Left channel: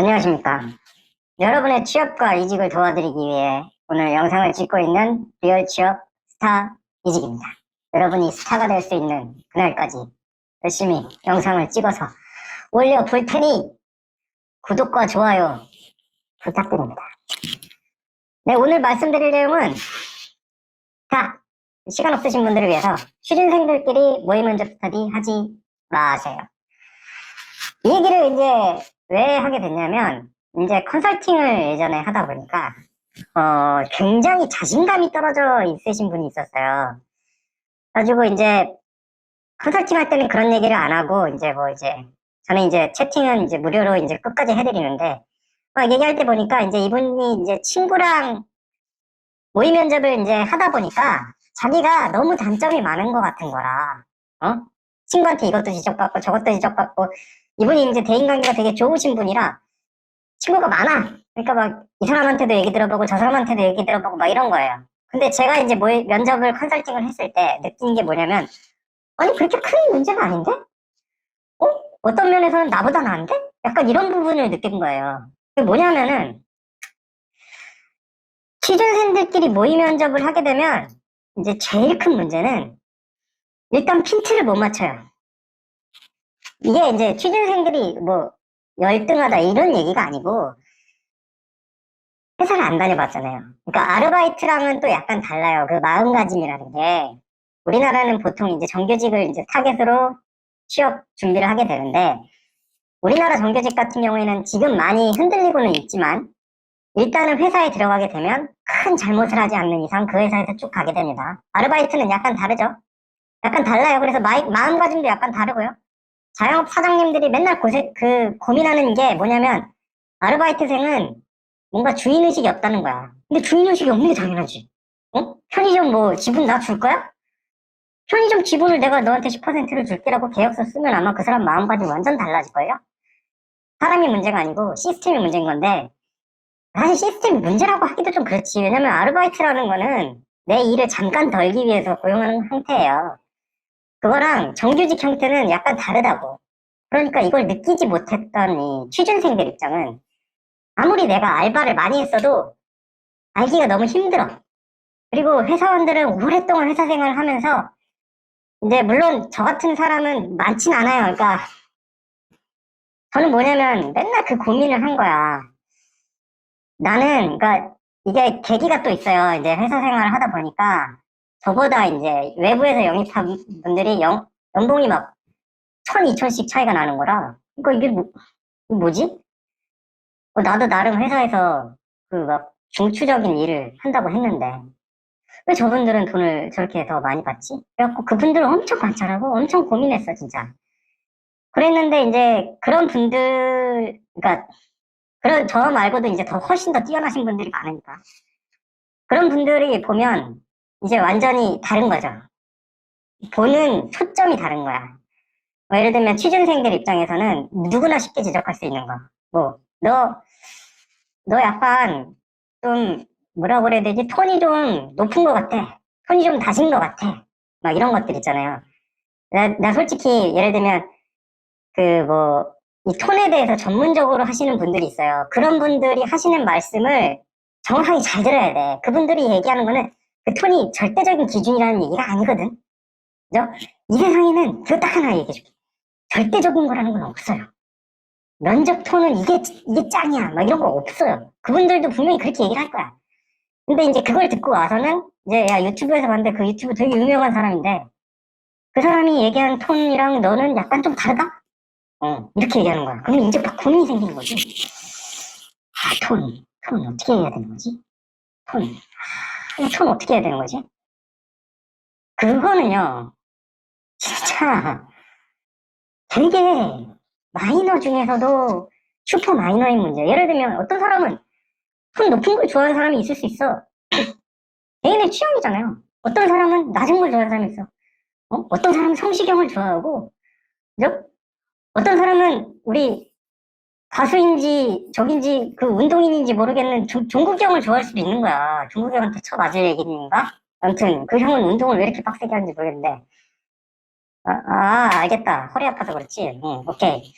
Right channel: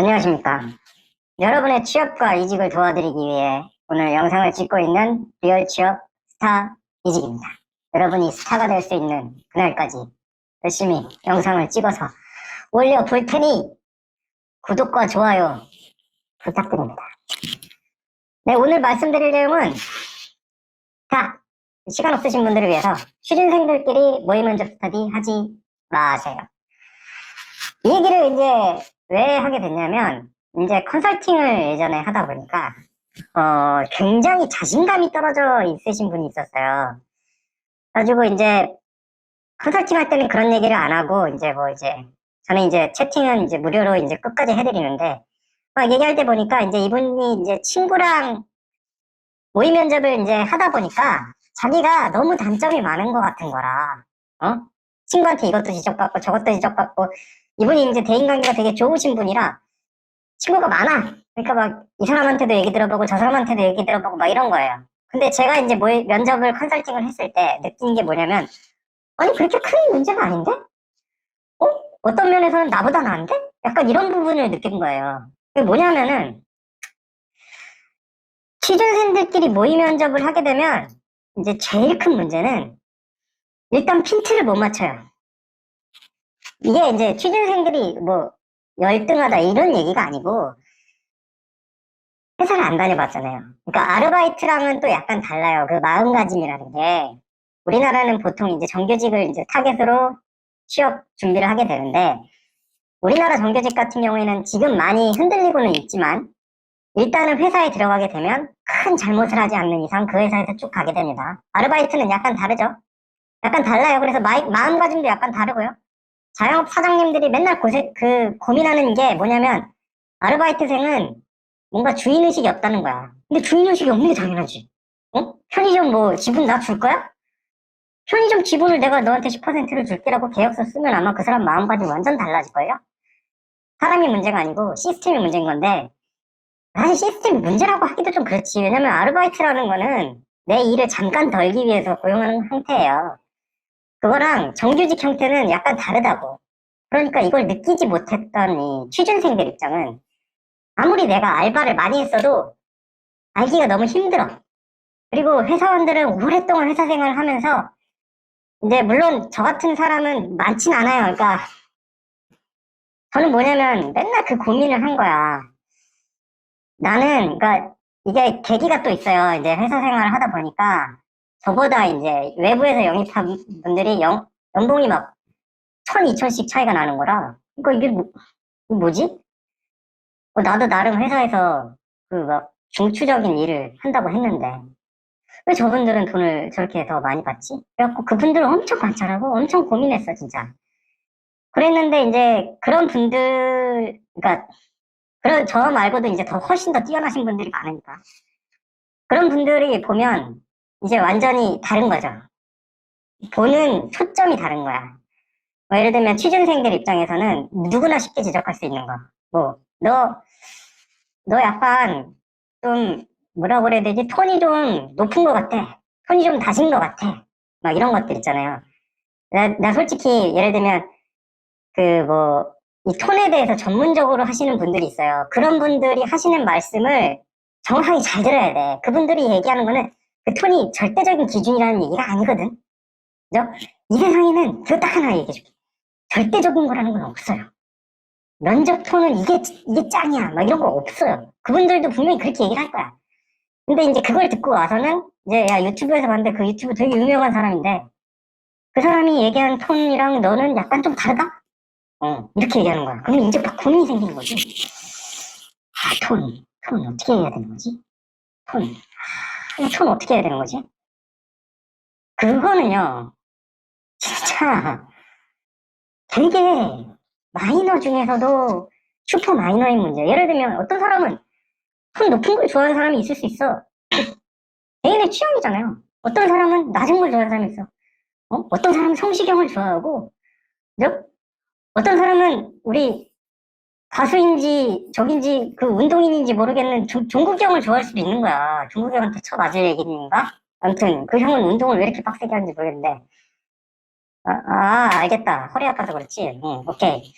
안녕하십니까. 여러분의 취업과 이직을 도와드리기 위해 오늘 영상을 찍고 있는 리얼 취업 스타 이직입니다. 여러분이 스타가 될 수 있는 그날까지 열심히 영상을 찍어서 올려볼 테니 구독과 좋아요 부탁드립니다. 네, 오늘 말씀드릴 내용은 시간 없으신 분들을 위해서 취준생들끼리 모의 면접 스터디 하지 마세요. 이 얘기를 이제 왜 하게 됐냐면, 이제 컨설팅을 예전에 하다 보니까, 굉장히 자신감이 떨어져 있으신 분이 있었어요. 가지고 이제, 컨설팅 할 때는 그런 얘기를 안 하고, 저는 이제 채팅은 이제 무료로 이제 끝까지 해드리는데, 막 얘기할 때 보니까 이제 이분이 이제 친구랑 모의 면접을 이제 하다 보니까, 자기가 너무 단점이 많은 것 같은 거라, 친구한테 이것도 지적받고 저것도 지적받고, 이분이 이제 대인관계가 되게 좋으신 분이라 친구가 많아. 그러니까 막 이 사람한테도 얘기 들어보고 저 사람한테도 얘기 들어보고 막 이런 거예요. 근데 제가 이제 면접을 컨설팅을 했을 때 느낀 게 뭐냐면, 아니 그렇게 큰 문제는 아닌데? 어떤 면에서는 나보다 나은데? 약간 이런 부분을 느낀 거예요. 그게 뭐냐면은 취준생들끼리 모의 면접을 하게 되면 이제 제일 큰 문제는 일단 핀트를 못 맞춰요. 이게 이제 취준생들이 뭐 열등하다 이런 얘기가 아니고 회사를 안 다녀봤잖아요. 그러니까 아르바이트랑은 또 약간 달라요. 그 마음가짐이라는 게. 우리나라는 보통 이제 정규직을 이제 타겟으로 취업 준비를 하게 되는데, 우리나라 정규직 같은 경우에는 지금 많이 흔들리고는 있지만, 일단은 회사에 들어가게 되면 큰 잘못을 하지 않는 이상 그 회사에서 쭉 가게 됩니다. 아르바이트는 약간 다르죠. 약간 달라요. 그래서 마음가짐도 약간 다르고요. 자영업 사장님들이 맨날 고민하는 게 뭐냐면, 아르바이트생은 뭔가 주인의식이 없다는 거야. 근데 주인의식이 없는 게 당연하지. 편의점 뭐 지분 나 줄 거야? 편의점 지분을 내가 너한테 10%를 줄게라고 계약서 쓰면 아마 그 사람 마음가짐 완전 달라질걸요? 사람이 문제가 아니고 시스템이 문제인 건데, 사실 시스템이 문제라고 하기도 좀 그렇지. 왜냐면 아르바이트라는 거는 내 일을 잠깐 덜기 위해서 고용하는 형태예요. 그거랑 정규직 형태는 약간 다르다고. 그러니까 이걸 느끼지 못했던 이 취준생들 입장은 아무리 내가 알바를 많이 했어도 알기가 너무 힘들어. 그리고 회사원들은 오랫동안 회사 생활을 하면서, 근데 물론 저 같은 사람은 많진 않아요. 그러니까 저는 뭐냐면 맨날 그 고민을 한 거야. 그러니까 이게 계기가 또 있어요. 이제 회사 생활을 하다 보니까 저보다 이제 외부에서 영입한 분들이 연봉이 막 1,000, 2,000씩 차이가 나는 거라. 그러니까 이게 뭐지? 나도 나름 회사에서 그 막 중추적인 일을 한다고 했는데 왜 저분들은 돈을 저렇게 더 많이 받지? 그래갖고 그분들을 엄청 관찰하고 엄청 고민했어, 진짜. 그랬는데 이제 그런 분들, 그러니까 그런 저 말고도 이제 더 훨씬 더 뛰어나신 분들이 많으니까 그런 분들이 보면 이제 완전히 다른 거죠. 보는 초점이 다른 거야. 뭐 예를 들면 취준생들 입장에서는 누구나 쉽게 지적할 수 있는 거. 뭐, 너 약간 좀 뭐라 그래야 되지? 톤이 좀 높은 것 같아. 톤이 좀 낮은 것 같아. 막 이런 것들 있잖아요. 나 솔직히 예를 들면 그 뭐 이 톤에 대해서 전문적으로 하시는 분들이 있어요. 그런 분들이 하시는 말씀을 정확하게 잘 들어야 돼. 그분들이 얘기하는 거는 그 톤이 절대적인 기준이라는 얘기가 아니거든. 그죠? 이 세상에는 그거 딱 하나 얘기해줄게. 절대적인 거라는 건 없어요. 면접 톤은 이게 짱이야. 막 이런 거 없어요. 그분들도 분명히 그렇게 얘기를 할 거야. 근데 이제 그걸 듣고 와서는 이제 야 유튜브에서 봤는데 그 유튜브 되게 유명한 사람인데 그 사람이 얘기한 톤이랑 너는 약간 좀 다르다? 이렇게 얘기하는 거야. 그러면 이제 막 고민이 생기는 거지. 톤 어떻게 해야 되는 거지? 톤 어떻게 해야 되는 거지? 그거는요, 진짜 되게 마이너 중에서도 슈퍼 마이너인 문제. 예를 들면 어떤 사람은 톤 높은 걸 좋아하는 사람이 있을 수 있어. 개인의 취향이잖아요. 어떤 사람은 낮은 걸 좋아하는 사람이 있어. 어떤 사람은 성시경을 좋아하고, 그죠? 어떤 사람은 우리 가수인지 적인지 그 운동인인지 모르겠는 종국이 형을 좋아할 수도 있는 거야. 종국이 형한테 쳐맞을 얘기인가? 아무튼 그 형은 운동을 왜 이렇게 빡세게 하는지 모르겠는데 알겠다. 허리 아파서 그렇지. 오케이.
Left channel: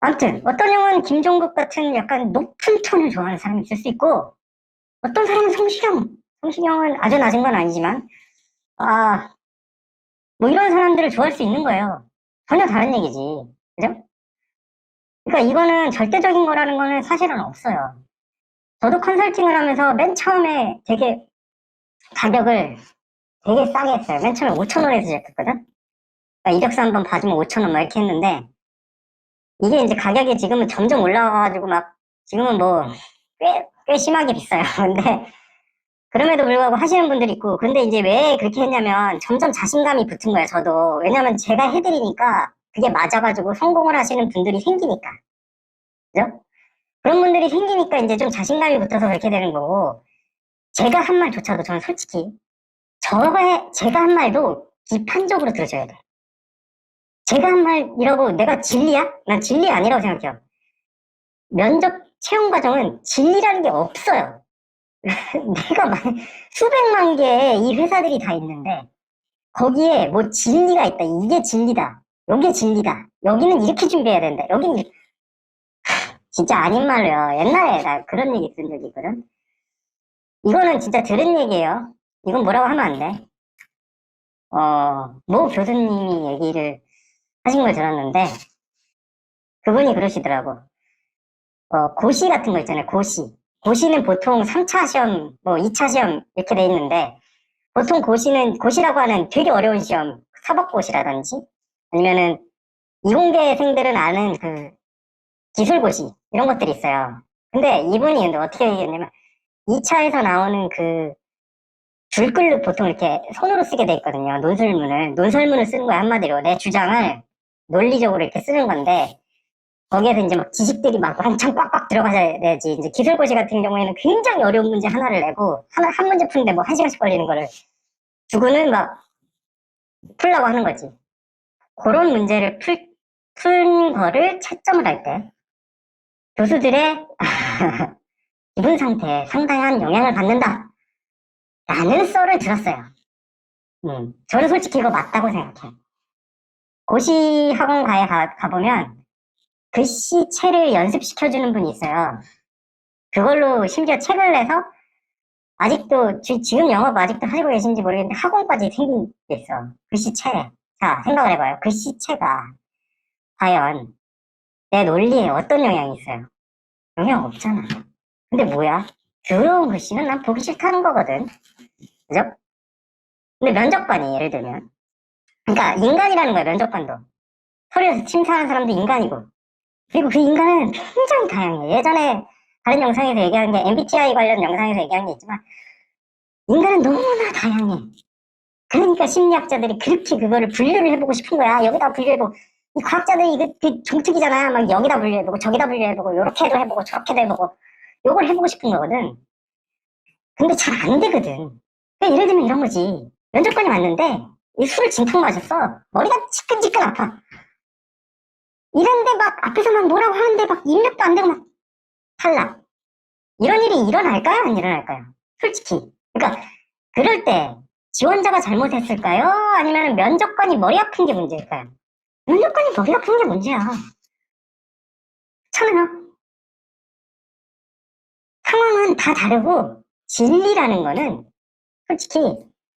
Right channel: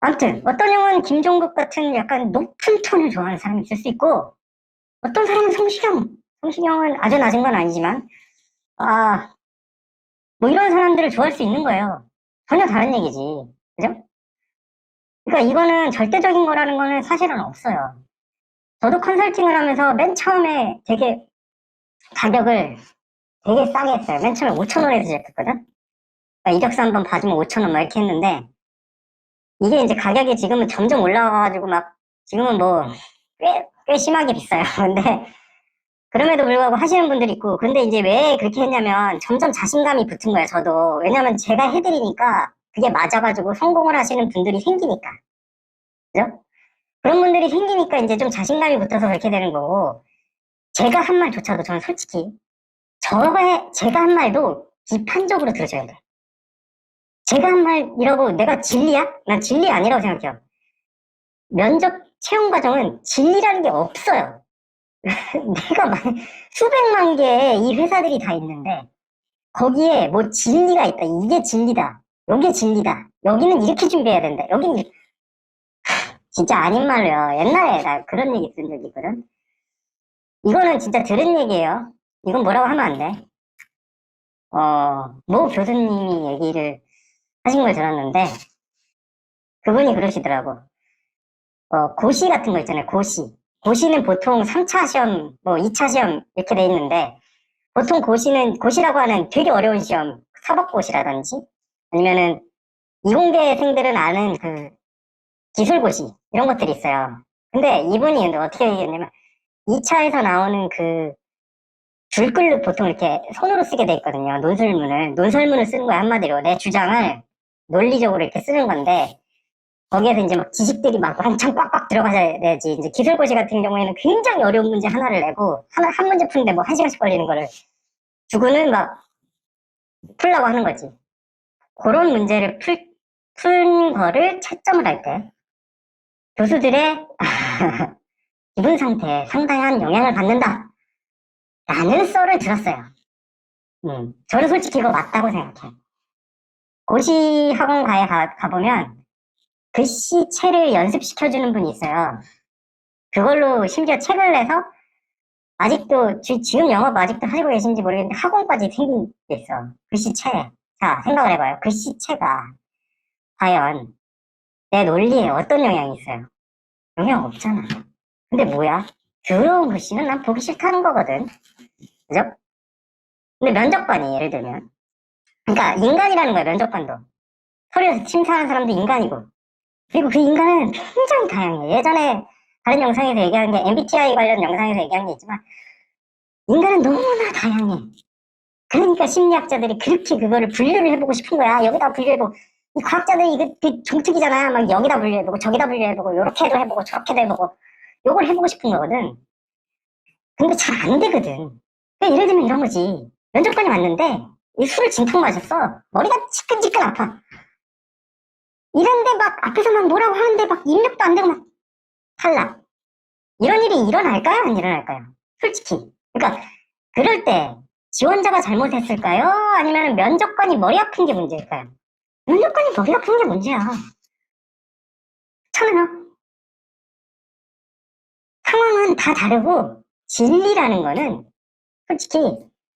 아무튼 어떤 형은 김종국 같은 약간 높은 톤을 좋아하는 사람이 있을 수 있고 어떤 사람은 성시경은 아주 낮은 건 아니지만 아, 뭐 이런 사람들을 좋아할 수 있는 거예요. 전혀 다른 얘기지. 그죠? 그러니까 이거는 절대적인 거라는 거는 사실은 없어요. 저도 컨설팅을 하면서 맨 처음에 되게 가격을 되게 싸게 했어요. 맨 처음에 5천 원에서 시작했거든? 그러니까 이력서 한번 받으면 5천 원 막 이렇게 했는데 이게 이제 가격이 지금은 점점 올라와가지고 막 지금은 뭐 꽤 심하게 비싸요. 근데 그럼에도 불구하고 하시는 분들이 있고 근데 이제 왜 그렇게 했냐면 점점 자신감이 붙은 거예요. 저도. 왜냐면 제가 해드리니까 그게 맞아가지고 성공을 하시는 분들이 생기니까. 그죠? 그런 분들이 생기니까 이제 좀 자신감이 붙어서 그렇게 되는 거고 제가 한 말조차도 저는 솔직히 제가 한 말도 비판적으로 들어줘야 돼. 제가 한 말이라고 내가 진리야? 난 진리가 아니라고 생각해요. 면접 채용 과정은 진리라는 게 없어요. 내가 수백만 개의 이 회사들이 다 있는데 거기에 뭐 진리가 있다. 이게 진리다. 여기 진리다. 여기는 이렇게 준비해야 된다. 여기는 진짜 아닌 말로요. 옛날에 나 그런 얘기 들은 적이 있거든. 이거는 진짜 들은 얘기예요. 이건 뭐라고 하면 안 돼. 모 교수님이 얘기를 하신 걸 들었는데 그분이 그러시더라고. 고시 같은 거 있잖아요. 고시. 고시는 보통 3차 시험, 뭐 2차 시험 이렇게 돼 있는데 보통 고시라고 하는 되게 어려운 시험, 사법고시라든지 아니면은 이공대생들은 아는 그 기술고시 이런 것들이 있어요. 근데 어떻게 얘기했냐면 2차에서 나오는 그 줄글로 보통 이렇게 손으로 쓰게 돼 있거든요. 논설문을 쓰는 거야 한마디로 내 주장을 논리적으로 이렇게 쓰는 건데 거기에서 이제 막 지식들이 막 한창 꽉꽉 들어가야 되지. 이제 기술고시 같은 경우에는 굉장히 어려운 문제 하나를 내고 한 문제 푸는데 뭐 1시간씩 걸리는 거를 두고는 막 풀라고 하는 거지. 그런 문제를 푼 거를 채점을 할 때 교수들의 기분 상태에 상당한 영향을 받는다. 라는 썰을 들었어요. 저는 솔직히 이거 맞다고 생각해요. 고시 학원가에 가보면 글씨체를 연습시켜주는 분이 있어요. 그걸로 심지어 책을 내서 아직도 지금 영업 아직도 하고 계신지 모르겠는데 학원까지 생긴 게 있어. 글씨체. 자, 생각을 해봐요. 글씨체가 과연 내 논리에 어떤 영향이 있어요? 영향 없잖아. 근데 뭐야? 더러운 글씨는 난 보기 싫다는 거거든. 그죠? 근데 면접관이 예를 들면 그러니까 인간이라는 거야 면접관도. 서류에서 심사하는 사람도 인간이고 그리고 그 인간은 굉장히 다양해. 예전에 다른 영상에서 얘기한 게 MBTI 관련 영상에서 얘기한 게 있지만 인간은 너무나 다양해. 그러니까 심리학자들이 그렇게 그거를 분류를 해보고 싶은 거야. 여기다 분류해보고. 이 과학자들이 이게 종특이잖아. 막 여기다 분류해보고 저기다 분류해보고 요렇게도 해보고 저렇게도 해보고 요걸 해보고 싶은 거거든. 근데 잘 안 되거든. 예를 들면 이런 거지. 면접관이 왔는데 술을 진탕 마셨어. 머리가 지끈지끈 아파. 이런데 막 앞에서 막 뭐라고 하는데 막 입력도 안 되고 막 탈락. 이런 일이 일어날까요? 안 일어날까요? 솔직히. 그러니까 그럴 때 지원자가 잘못했을까요? 아니면 면접관이 머리 아픈 게 문제일까요? 면접관이 머리 아픈 게 문제야. 저는 상황은 다 다르고 진리라는 거는 솔직히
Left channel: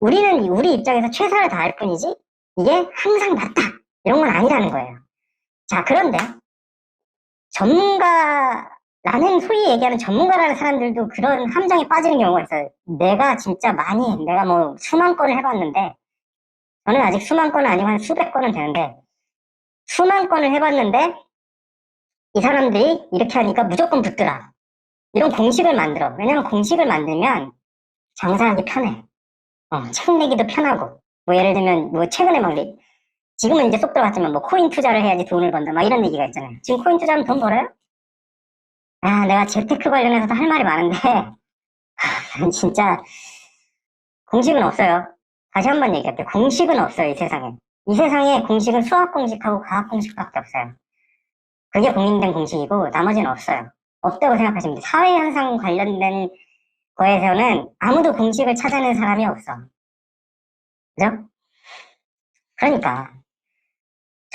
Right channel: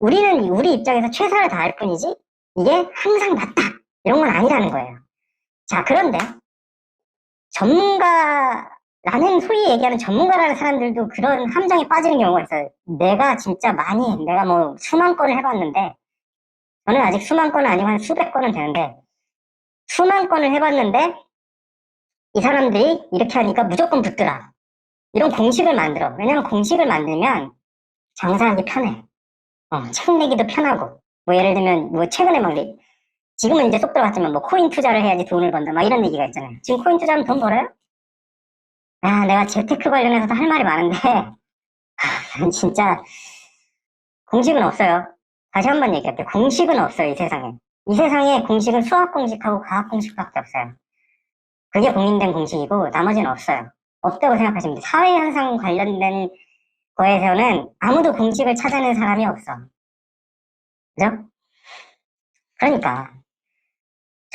우리 입장에서 최선을 다할 뿐이지 이게 항상 맞다 이런 건 아니라는 거예요. 자 그런데 전문가라는 소위 얘기하는 전문가라는 사람들도 그런 함정에 빠지는 경우가 있어요. 내가 뭐 수만 건을 해봤는데 저는 아직 수만 건은 아니고 한 수백 건은 되는데 수만 건을 해봤는데 이 사람들이 이렇게 하니까 무조건 붙더라. 이런 공식을 만들어. 왜냐면 공식을 만들면 장사하기 편해. 책 내기도 편하고. 뭐 예를 들면 뭐 최근에 막 지금은 이제 쏙 들어갔지만 뭐 코인 투자를 해야지 돈을 번다. 막 이런 얘기가 있잖아요. 지금 코인 투자하면 돈 벌어요? 내가 재테크 관련해서도 할 말이 많은데 진짜 공식은 없어요. 다시 한 번 얘기할게요. 공식은 없어요, 이 세상에. 이 세상에 공식은 수학 공식하고 과학 공식밖에 없어요. 그게 공인된 공식이고 나머지는 없어요. 없다고 생각하시면 돼요. 사회현상 관련된 거에서는 아무도 공식을 찾아낸 사람이 없어. 그죠? 그러니까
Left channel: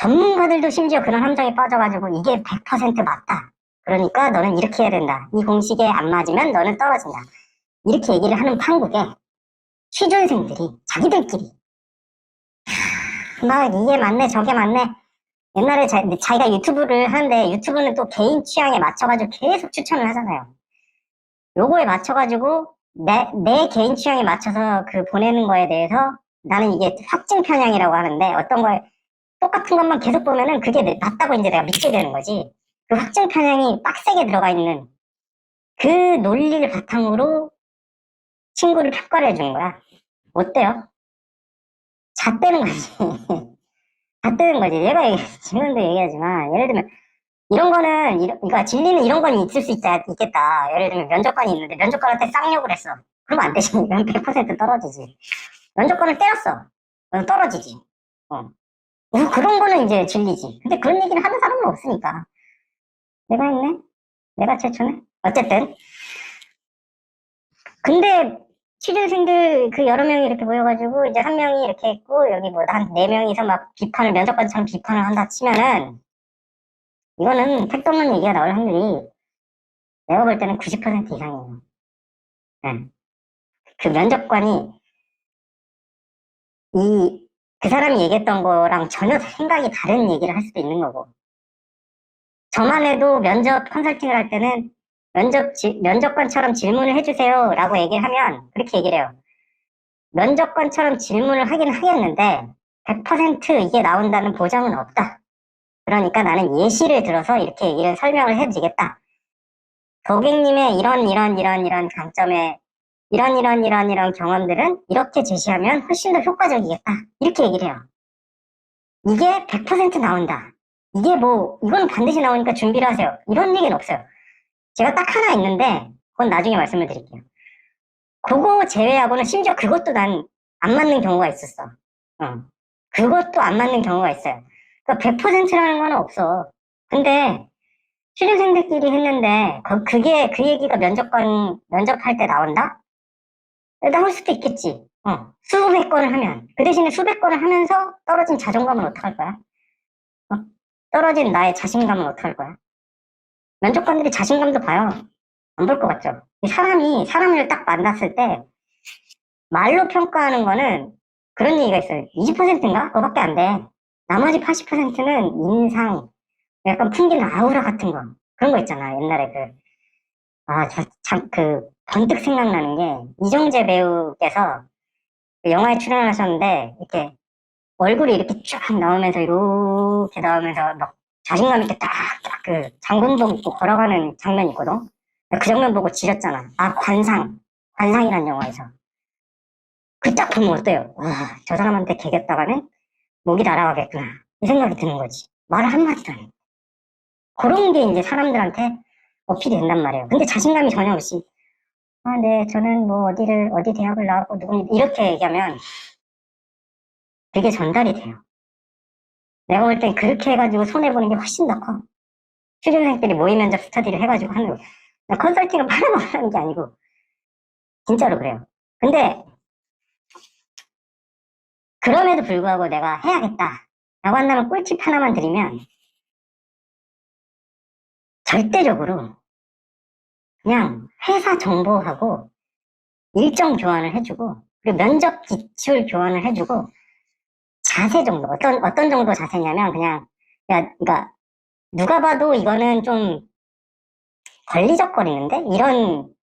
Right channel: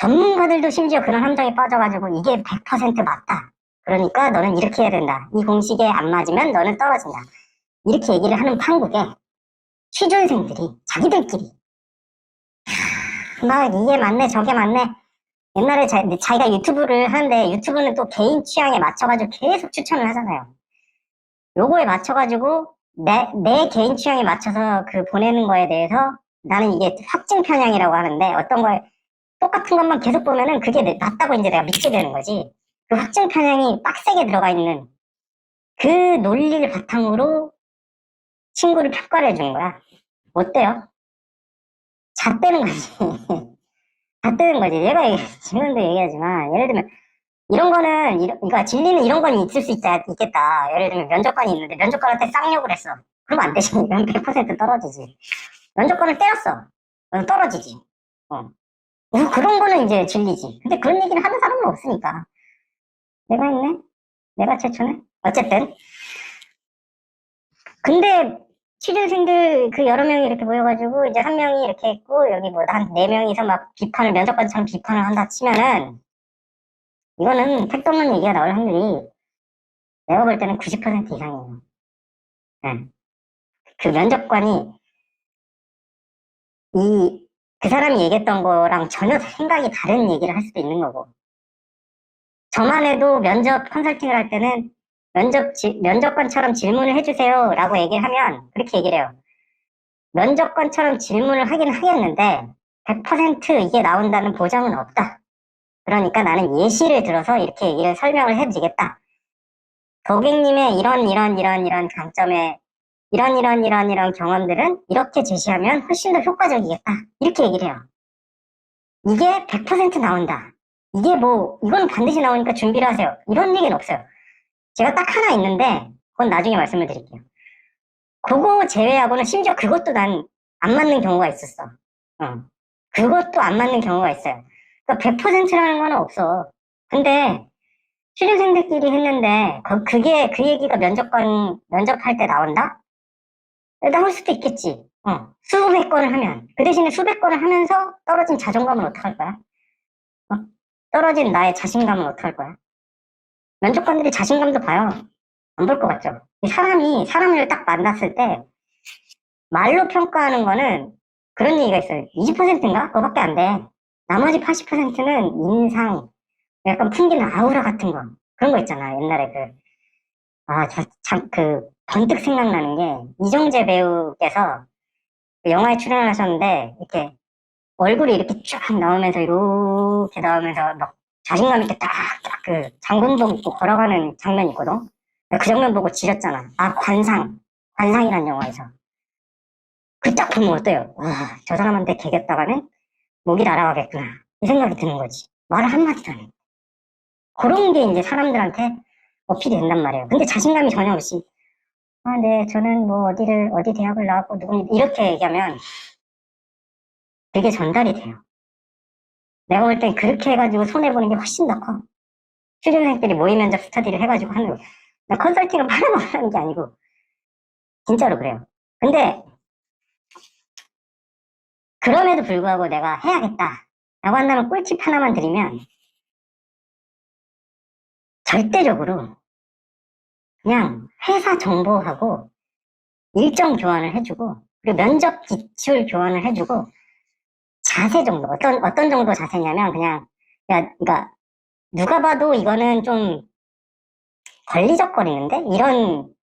전문가들도 심지어 그런 함정에 빠져가지고 이게 100% 맞다. 그러니까 너는 이렇게 해야 된다. 이 공식에 안 맞으면 너는 떨어진다. 이렇게 얘기를 하는 판국에 취준생들이 자기들끼리 막 이게 맞네 저게 맞네. 옛날에 자기가 유튜브를 하는데 유튜브는 또 개인 취향에 맞춰가지고 계속 추천을 하잖아요. 요거에 맞춰가지고 내 개인 취향에 맞춰서 그 보내는 거에 대해서 나는 이게 확증 편향이라고 하는데 어떤 거에 똑같은 것만 계속 보면은 그게 맞다고 이제 내가 믿게 되는 거지. 그 확증 편향이 빡세게 들어가 있는 그 논리를 바탕으로 친구를 평가를 해주는 거야. 어때요? 잣대는 거지. 잣대는 거지. 지금도 얘기하지만 예를 들면 이런 거는 그러니까 진리는 이런 건 있을 수 있겠다. 예를 들면 면접관이 있는데 면접관한테 쌍욕을 했어. 그러면 안 되지. 100% 떨어지지. 면접관을 때렸어. 떨어지지. 어. 그런 거는 이제 진리지. 근데 그런 얘기를 하는 사람은 없으니까. 내가 있네? 내가 최초네? 어쨌든. 근데 취준생들 그 여러 명이 이렇게 모여가지고 이제 한 명이 이렇게 했고 여기 뭐 한 네 명이서 막 비판을 면접관처럼 비판을 한다 치면은 이거는 택도 없는 얘기가 나올 확률이 내가 볼 때는 90% 이상이에요. 응. 그 면접관이 그 사람이 얘기했던 거랑 전혀 생각이 다른 얘기를 할 수도 있는 거고. 전날에도 면접 컨설팅을 할 때는 면접관처럼 질문을 해주세요 라고 얘기를 하면 그렇게 얘기를 해요. 면접관처럼 질문을 하긴 하겠는데 100% 이게 나온다는 보장은 없다. 그러니까 나는 예시를 들어서 이렇게 얘기를 설명을 해드리겠다. 고객님의 이런 강점에 이런 경험들은 이렇게 제시하면 훨씬 더 효과적이겠다. 이렇게 얘기를 해요. 이게 100% 나온다. 이게 뭐 이건 반드시 나오니까 준비를 하세요. 이런 얘기는 없어요. 제가 딱 하나 있는데 그건 나중에 말씀을 드릴게요. 그거 제외하고는 심지어 그것도 난 안 맞는 경우가 있었어. 응. 그것도 안 맞는 경우가 있어요. 그러니까 100%라는 건 없어. 근데 취준생들끼리 했는데 그게 그 얘기가 면접할 때 나온다? 나올 수도 있겠지. 수백 건을 하면 그 대신에 수백 건을 하면서 떨어진 자존감은 어떡할 거야? 어? 떨어진 나의 자신감은 어떡할 거야? 면접관들이 자신감도 봐요. 안 볼 것 같죠? 사람이 사람을 딱 만났을 때 말로 평가하는 거는 그런 얘기가 있어요. 20%인가? 그거밖에 안 돼. 나머지 80%는 인상, 약간 풍기는 아우라 같은 거. 그런 거 있잖아. 옛날에 번뜩 생각나는 게, 이정재 배우께서 그 영화에 출연하셨는데, 이렇게 얼굴이 이렇게 쫙 나오면서, 이렇게 나오면서 막 자신감 있게 장군복 입고 걸어가는 장면이 있거든? 그 장면 보고 지렸잖아. 아, 관상이란 영화에서. 그딱 보면 어때요? 저 사람한테 개겼다가는 목이 날아가겠구나. 이 생각이 드는 거지. 말 한마디도 안 해. 그런 게 이제 사람들한테 어필이 된단 말이에요. 근데 자신감이 전혀 없이, 아, 네, 저는 뭐 어디 대학을 나왔고, 이렇게 얘기하면 그게 전달이 돼요. 내가 볼 때 그렇게 해가지고 손해보는 게 훨씬 더 커. 취준생들이 모의 면접 스터디를 해가지고 하는 거. 나 컨설팅을 팔아먹으라는 게 아니고, 진짜로 그래요. 근데, 그럼에도 불구하고 내가 해야겠다. 라고 한다는 꿀팁 하나만 드리면, 절대적으로 그냥 회사 정보하고 일정 교환을 해주고 그리고 면접 기출 교환을 해주고 자세 정도 어떤 정도 자세냐면 그냥 그러니까 누가 봐도 이거는 좀 걸리적거리는데 이런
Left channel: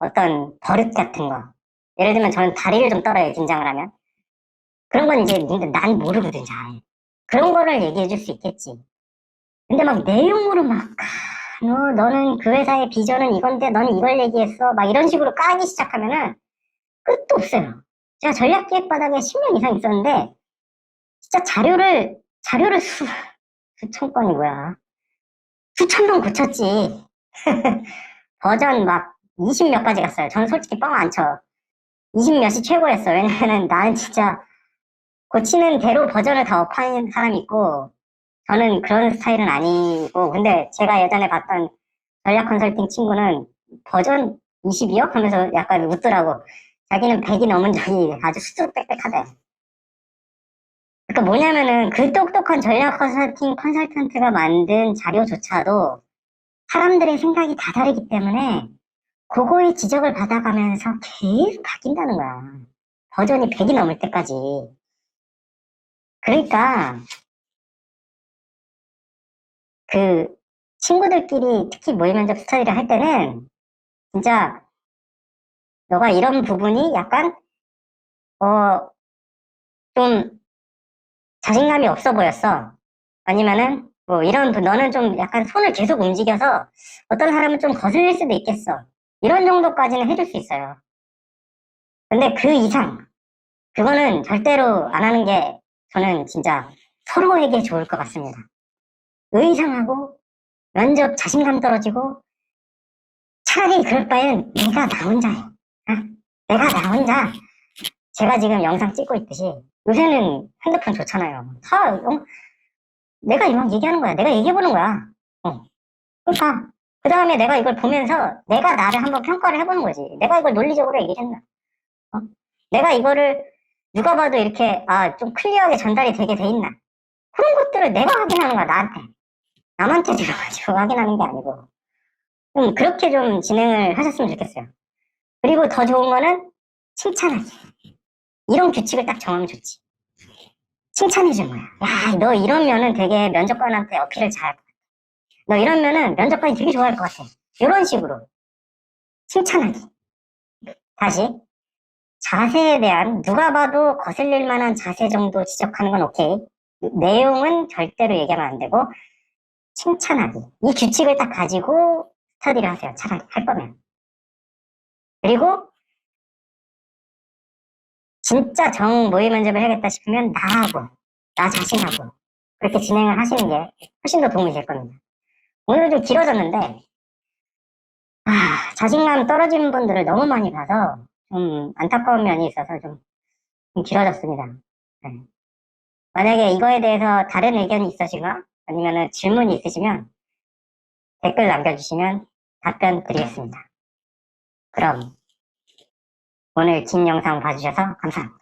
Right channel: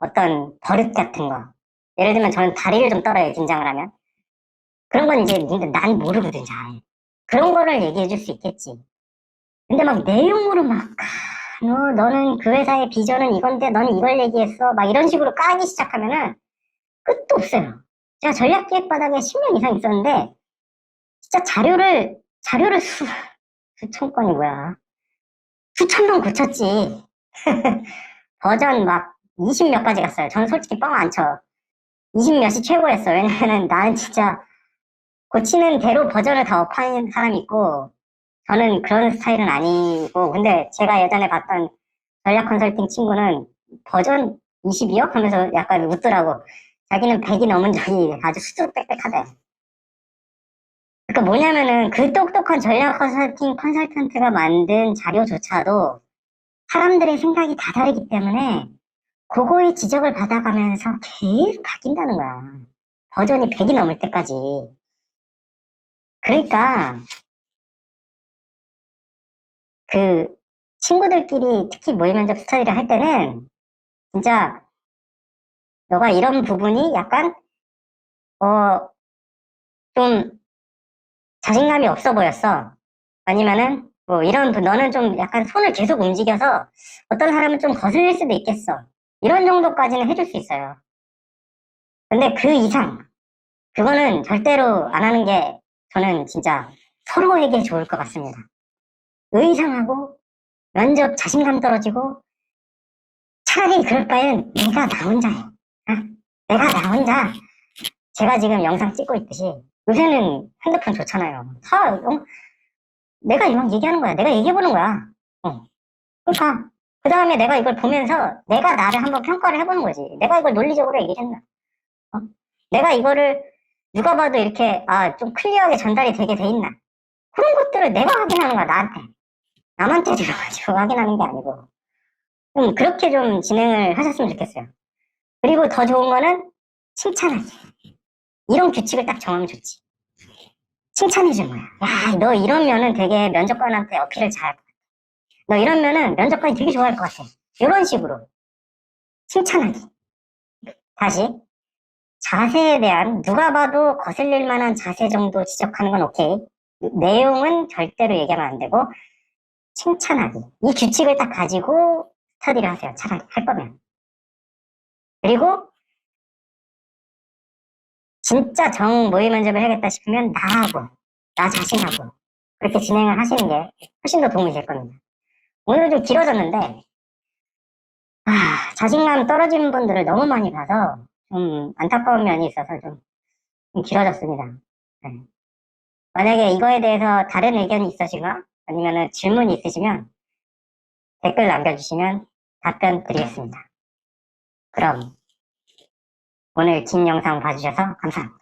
어떤 버릇 같은 거 예를 들면 저는 다리를 좀 떨어요 긴장을 하면 그런 건 이제 난 모르거든 잘 그런 거를 얘기해 줄 수 있겠지 근데 막 내용으로 막 너는 그 회사의 비전은 이건데 너는 이걸 얘기했어 막 이런 식으로 까기 시작하면은 끝도 없어요. 제가 전략기획바닥에 10년 이상 있었는데, 진짜 자료를 수천 건이 뭐야. 수천 번 고쳤지. 버전 막 20 몇 가지 갔어요. 저는 솔직히 뻥 안 쳐. 20 몇이 최고였어요. 왜냐면은 난 진짜 고치는 대로 버전을 다 업하는 사람이 있고, 저는 그런 스타일은 아니고, 근데 제가 예전에 봤던 전략 컨설팅 친구는 버전 22억 하면서 약간 웃더라고. 자기는 100이 넘은 적이 아주 수두룩빽빽하대. 그러니까 뭐냐면은 그 똑똑한 전략 컨설턴트가 만든 자료조차도 사람들의 생각이 다 다르기 때문에 그거에 지적을 받아가면서 계속 바뀐다는 거야. 버전이 100이 넘을 때까지. 그러니까 그 친구들끼리 특히 모의 면접 스터디를 할 때는 진짜 너가 이런 부분이 약간 좀 자신감이 없어 보였어. 아니면은 뭐 너는 좀 약간 손을 계속 움직여서 어떤 사람은 좀 거슬릴 수도 있겠어. 이런 정도까지는 해줄 수 있어요. 근데 그 이상 그거는 절대로 안 하는 게 저는 진짜 서로에게 좋을 것 같습니다. 의상하고 면접 자신감 떨어지고 차라리 그럴 바엔 내가 나 혼자해. 어? 내가 나 혼자야. 제가 지금 영상 찍고 있듯이 요새는 핸드폰 좋잖아요. 내가 이거 얘기하는 거야. 내가 얘기해보는 거야. 어. 그러니까 그 다음에 내가 이걸 보면서 내가 나를 한번 평가를 해보는 거지. 내가 이걸 논리적으로 얘기를 했나? 어? 내가 이거를 누가 봐도 이렇게 좀 클리어하게 전달이 되게 돼 있나? 그런 것들을 내가 확인하는 거야, 나한테. 남한테 들어가지고 확인하는 게 아니고. 좀 그렇게 좀 진행을 하셨으면 좋겠어요. 그리고 더 좋은 거는 칭찬하기. 이런 규칙을 딱 정하면 좋지. 칭찬해준 거야. 야, 너 이러면은 되게 면접관한테 어필을 잘할 것 같아. 너 이러면은 면접관이 되게 좋아할 것 같아. 이런 식으로. 칭찬하기. 다시. 자세에 대한 누가 봐도 거슬릴 만한 자세 정도 지적하는 건 오케이. 내용은 절대로 얘기하면 안 되고 칭찬하기. 이 규칙을 딱 가지고 스터디를 하세요. 차라리 할 거면. 그리고 진짜 정 모의 면접을 해야겠다 싶으면 나 자신하고 그렇게 진행을 하시는 게 훨씬 더 도움이 될 겁니다. 오늘도 길어졌는데 자신감 떨어지는 분들을 너무 많이 봐서 좀 안타까운 면이 있어서 좀 길어졌습니다. 네. 만약에 이거에 대해서 다른 의견이 있으시거나 아니면 질문이 있으시면 댓글 남겨주시면 답변 드리겠습니다. 그럼 오늘 긴 영상 봐주셔서 감사합니다.